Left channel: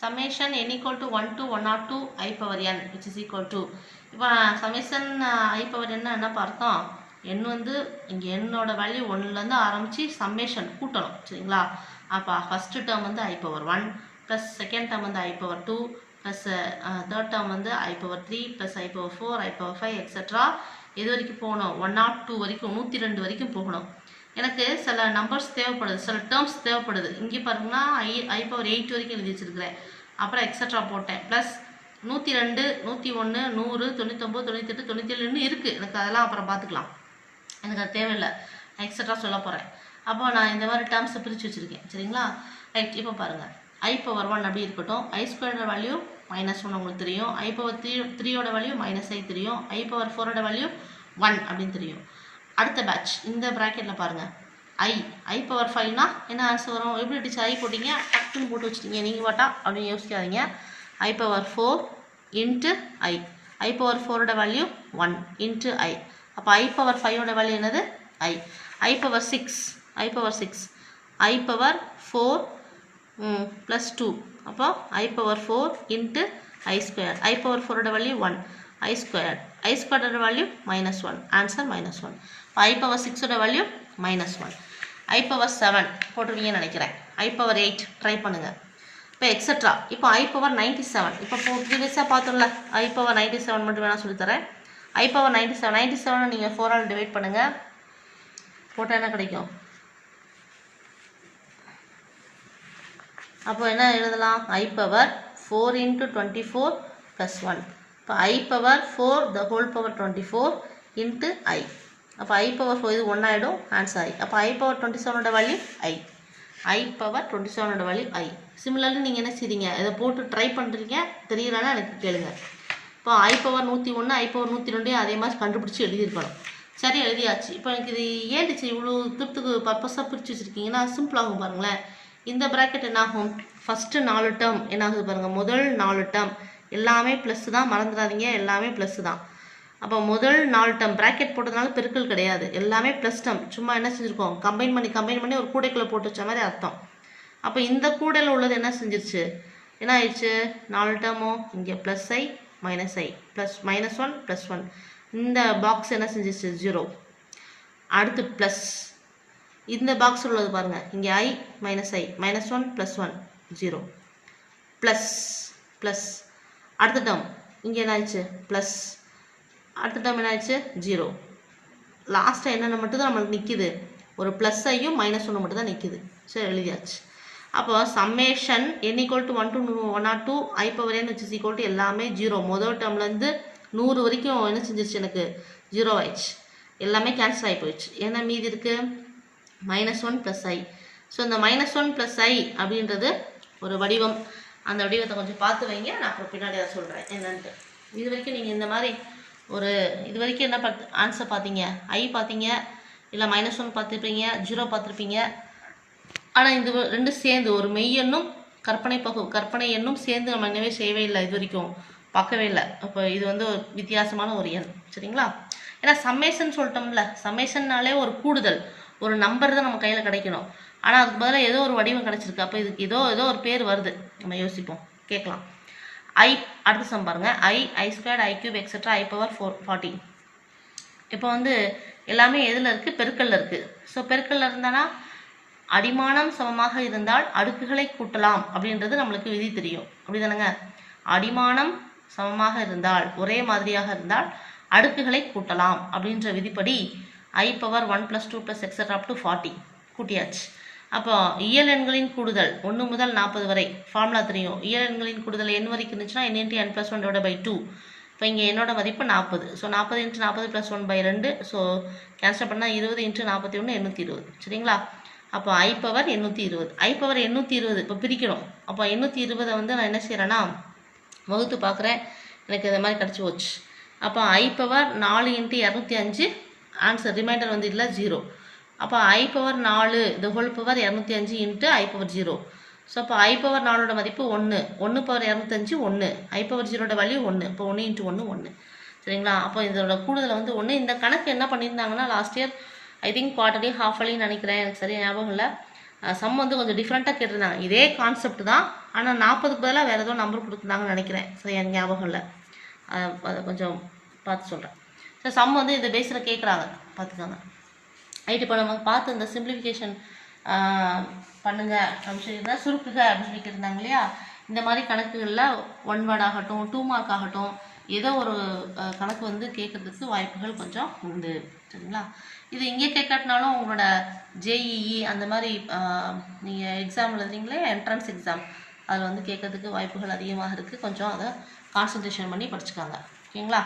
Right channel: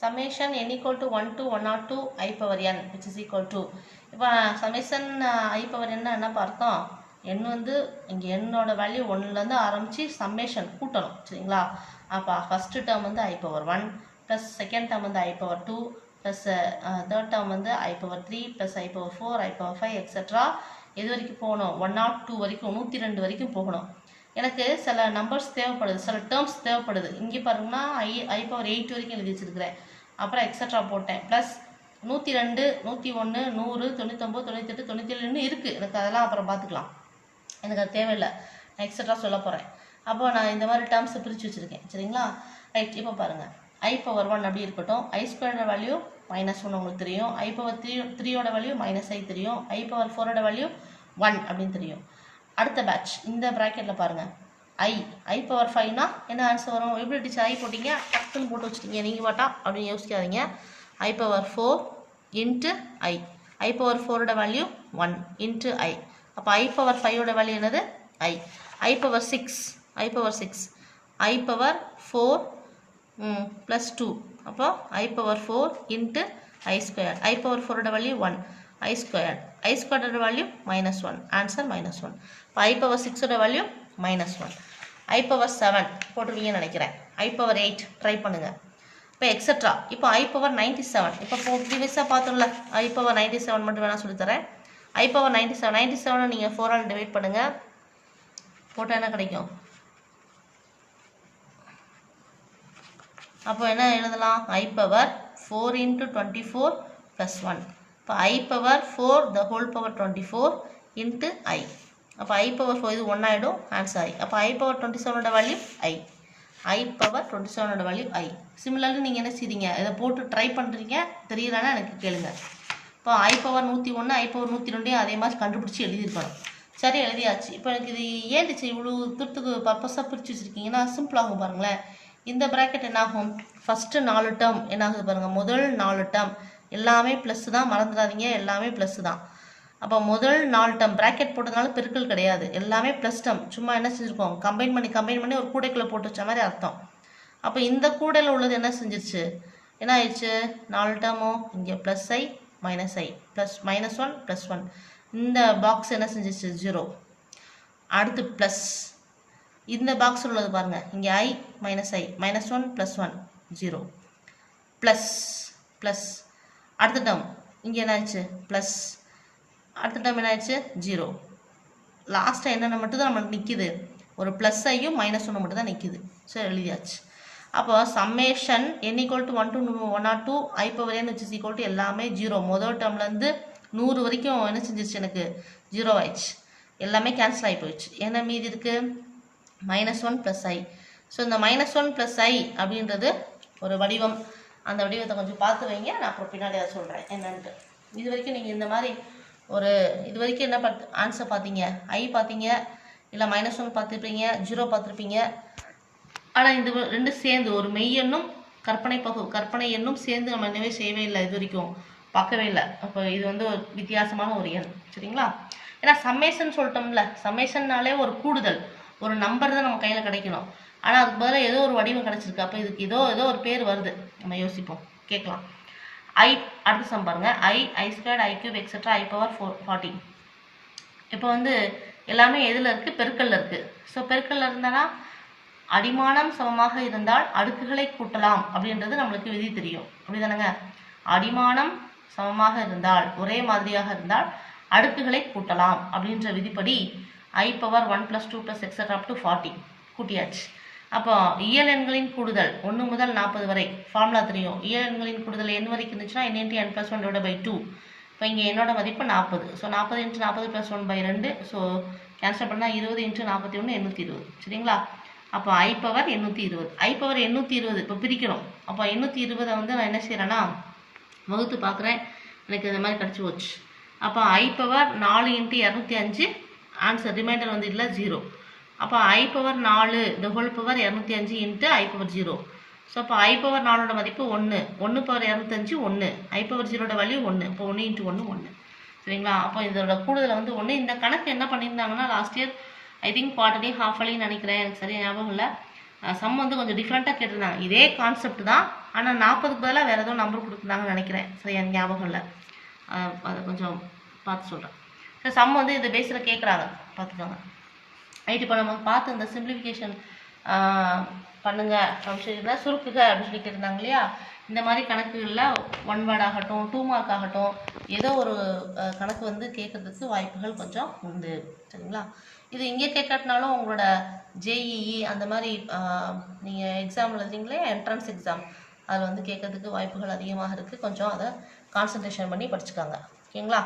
summation n equal to 1 to 1 or 2 I power n which is equal to இப்போ summation I power n என்ன பார்த்தோம் n வந்து இங்கே என்னோட வேல்யூ 1லேருந்து ஆரம்பித்து சம்மேஷன் கூட்டணும் சரிங்களா. அப்போ ஃபஸ்ட்டு டேர்ம் வந்து I power 1 plus second term வந்து I power 2 plus third term வந்து I power 3 plus I power 4 I power 5 etcetera எது வரைக்கும் போகணும் 102 வரைக்கும் 102 வரைக்கும் போகணும். எனக்கு சில நம்பர்ஸ் தேவைப்படுது, சில டேர்ம்ஸ் தேவைப்படுது. இங்கே பாருங்கன்னா I power 8 வரைக்கும் எழுதி வச்சுருக்கிறேன். அப்புறம் எக்ஸட்ரா போட்டேன். ப்ளஸ் 102 101 100 99 98 97 இருக்குது. எனக்கு அதெல்லாம் அப்புறம் பார்த்துக்கலாம், எனக்கு அது தேவையில்லை. எக்ஸட்ரா சொல்ல போகிறேன். அப்போ நான் இந்த மாதிரி டேர்ம்ஸை பிரித்து வச்சுருக்கேன் சரிங்களா. ரைட், இப்போ பாருங்கள் I power 1 அப்படி இருக்கட்டும். I ஸ்கொயரோட வேல்யூ -1 உங்களுக்கு தெரியும். I power 3யோட வேல்யூ -I தெரியும். I power 4ஓட வேல்யூ 1 அப்படின்னு தெரியும். அடுத்த பேட்ச் இந்த ப்ராக்கெட்டில் பாருங்கள் I power 5னா என்ன ஆன்சர் வரும்? எப்படி டிச்சு I போட்டிங்க டக்குன்னு போட்டு வச்சுட்டிங்க நீங்கள் பாட்டா அப்படின்னு யோசிக்காதீங்க. I power 4 into I power 4ஓட வேல்யூ 1 இன்ட்டு I. அப்போ I power 5ஓட வேல்யூ என்னது I power 6 I power 4 plus 2 அப்போ I power 4 into I square. I power 4ஓட வேல்யூ 1 I ஸ்கொயர். I ஸ்கொயரோட வேல்யூ -1 ஆன்சர் -1. இப்போ I power 6ஓட value -1. I power 7 போட்டுருவீங்கன்னு நினைக்கிறேன். I power 8 ட்ரை பண்ணுங்கள். இப்போ எக்ஸட்ரா இப்போ I power 97 இப்போ ப்ரீவியஸாக பார்த்தோம்ல I power 97 மட்டும் வேணால் சொல்லித்தரேன். I power 97 நீங்கள் 4ஆல் டிவைட் பண்ணுங்கள். போட்டால் என்ன கிடைக்கும்? அப்போ என்ன எழுதலாம்? I power 4 into 24 plus 1. இப்போ I power 4 the whole power 24 into I. அப்போ I power 4 இது 1 ஆகிடும், ஆன்சர் I. அப்போ I power 27ஓட வேல்யூ I power 27ஓட வேல்யூ I. சிமிலர்லி நீங்கள் என்ன செய்றீங்க, இதை போட்டு ட்ரை பண்ணுறீங்க, தெரியலன்னா எனக்கு கேளுங்க. இப்போ I power 101 I power 102 அதே மாதிரி கண்டுபிடிச்சி எழுதியிருக்கணும். சரி எழுதியாச்சு. இப்போ எனக்கு இது ஏடிச்சு இவ்வளோ துட்டுக்கு பர்பஸாக பிரித்து வச்சுருக்கீங்கன்னா சிம்பிளாகும் பாருங்களேன். இந்த ப்ராக்கெட் என்னாகும்? ஃபஸ்ட்டு 4 டேர்ம் என்னாகுது பாருங்கள். முதல் 4 டேர்ம் எல்லாமே ப்ளஸ் தான், மறந்துடாதீங்க எல்லாமே ப்ளஸ் தான். அப்போ முதல் 4 டேர்ம் ப்ராக்கெட் போட்டதுனால பெருக்கல் கிடையாது, எல்லாமே ப்ளஸ் டேர்ம். சும்மா என்ன செஞ்சுருக்கோம், கம்பைன் பண்ணி ஒரு கூடைக்குள்ளே போட்டு வச்ச மாதிரி அர்த்தம். அப்போ இந்த கூடையில் உள்ளது என்ன செஞ்சிருச்சு, என்ன ஆயிடுச்சு? 4 டேர்மும் இங்கே ப்ளஸ் I ப்ளஸ் -1 ப்ளஸ் 1. இந்த பாக்ஸ் என்ன செஞ்சிருச்சு? 0. அடுத்து ப்ளஸ் இந்த பாக்ஸ் உள்ளது பாருங்கள், இங்கே I -1 ப்ளஸ் 1 0 ப்ளஸ் அடுத்த டேர்ம் இங்கே என்ன ஆயிடுச்சு? ப்ளஸ் அடுத்த டேர்ம் என்ன ஆயிடுச்சு? 0. லாஸ்ட்டாக என்னென்ன மட்டும் தான் நம்மளுக்கு நிற்கிது? ஒரு ப்ளஸ் ஐயும் -1 மட்டும் தான் நிற்கிது. சரி எழுதியாச்சு. அப்போ summation n equal to 1 to 1 or 2 I power n which is equal to எல்லாமே 0. முதல் டேர்ம்லேருந்து 100 வரைக்கும் என்ன செஞ்சிருச்சு? எனக்கு 0 ஆயிடுச்சு. எல்லாமே கேன்சல் ஆகி போயிடுச்சு. என்ன மீதி இருக்குது? -1 ப்ளஸ் I. ஸோ இந்த -1 ப்ளஸ் I அப்படின்றது ஒரு வடிவம். அந்த வடிவத்தை கொஞ்சம் பார்த்து வைங்க, நான் அப்புறம் பின்னாடி அதை சொல்கிறேன் என்னன்ட்டு. இது வரைக்கும் நீங்கள் இந்த மாதிரி இது வரைக்கும் என்ன ஆன்சர் பார்த்தீங்க? I பார்த்தீங்க, இல்லை -1 பார்த்துருப்பீங்க, 0 பார்த்துருப்பீங்க. ஆனால் இந்த ரெண்டு சேர்ந்து ஒரு மெய் எண்ணும் கற்பனை எண்ணும் சேர்ந்து நம்ம என்னவே செய்யவே இல்லை, இது வரைக்கும் பார்க்கவே இல்லை. அப்போ இது வந்து ஒரு வித்தியாசமான ஒரு எண் சரிங்களா. ஏன்னா சம்மேஷன் சொல்லிட்டோம்ல, சம்மேஷன்னாலே ஒரு கூடுதல், ஒரு நம்பர் தான் நம்ம கையில் கிடைக்கணும். ஆனால் அதுக்கு பதிலாக ஏதோ ஒரு வடிவம் கிடச்சிருக்கு. அப்போ இதுக்கு ஏதோ ஒரு பேர் வருது, நம்ம யோசிப்போம், கேட்கலாம். அடுத்த சம் பாருங்கள். I squared I cube etcetera I power 40. இப்போ வந்து எல்லாமே எதில் இருக்குது? பெருக்கல்ல இருக்குது. ஸோ பெருக்கல்ல இருந்தானா அடிமானம் சமமாக இருந்தால் அடுக்குகளை கூட்டலாம் அப்படின்றது நம்மளுக்கு விதி தெரியும், அப்படி தானேங்க? அடிமானம் சமமாக இருந்தால், ஒரே மாதிரியாக இருந்தால் அடுக்குகளை கூட்டலாம் அப்படின்ற விதிப்படி I power 1 + 2 + etcetera up to 40 கூட்டியாச்சு. அப்போ இயல் எண்களின் கூடுதல் 1 முதல் 40 வரை ஃபார்முலா தெரியும். இயல் எண்களின் கூடுதல் n வரைக்கும் இருந்துச்சுன்னா n × n + 1/2. இப்போ இங்கே என்னோட மதிப்பு 40. ஸோ 40 × 40 + 1/2. ஸோ கேன்சல் பண்ணால் 20 × 41 820 சரிங்களா. அப்போ I power 820. I power 820 இப்போ பிரிக்கணும். அப்போ 820 வந்து நான் என்ன செய்கிறேன்னா வகுத்து பார்க்குறேன், எனக்கு இந்த மாதிரி கிடச்சி போச்சு. அப்போ I power 4 × 205 ஆன்சர், ரிமைண்டர் வந்து இல்லை 0. அப்போ I power 4 the whole power 205 × I power 0. So அப்போ I power 4ஓட மதிப்பு 1 power 205 1. I power 0ஓட வேல்யூ 1. இப்போ 1 × 1 1 சரிங்களா. அப்போ இதோட கூடுதல் வந்து 1. இந்த கணக்கு என்ன பண்ணியிருந்தாங்கன்னா last year I think quarterly half அலின்னு நினைக்கிறேன், எனக்கு சரியாக ஞாபகம் இல்லை. சம் வந்து கொஞ்சம் டிஃப்ரெண்ட்டாக கேட்டிருந்தாங்க. இதே கான்செப்ட் தான், ஆனால் 40க்கு பதிலாக வேறு ஏதோ நம்பர் கொடுத்துருந்தாங்கன்னு நினைக்கிறேன். சரி, எனக்கு ஞாபகம் இல்லை. அது கொஞ்சம் பார்த்து சொல்கிறேன். ஸோ சம் வந்து இந்த பேஸில் கேட்குறாங்க, பார்த்துக்கோங்க. ரைட், இப்போ நம்ம பார்த்து இந்த சிம்பிளிஃபிகேஷன் பண்ணுங்க அப்படின்னு சொல்லியிருந்தா, சுருக்குக அப்படின்னு சொல்லி கேட்டிருந்தாங்க இல்லையா. இந்த மாதிரி கணக்குகளில் 1 வேர்ட் ஆகட்டும், 2 மார்க் ஆகட்டும், ஏதோ ஒரு கணக்கு வந்து கேட்கறதுக்கு வாய்ப்புகள் கொஞ்சம் உண்டு. சரிங்களா. இது இங்கே கேட்காட்டினாலும் உங்களோட ஜேஇஇ அந்த மாதிரி நீங்கள் எக்ஸாம் எழுதுறீங்களே, என்ட்ரன்ஸ் எக்ஸாம், அதில் வந்து கேட்கறதுக்கு வாய்ப்புகள் அதிகமாக இருக்குது. கொஞ்சம் அதை கான்சன்ட்ரேஷன் பண்ணி படிச்சுக்காங்க. ஓகேங்களா.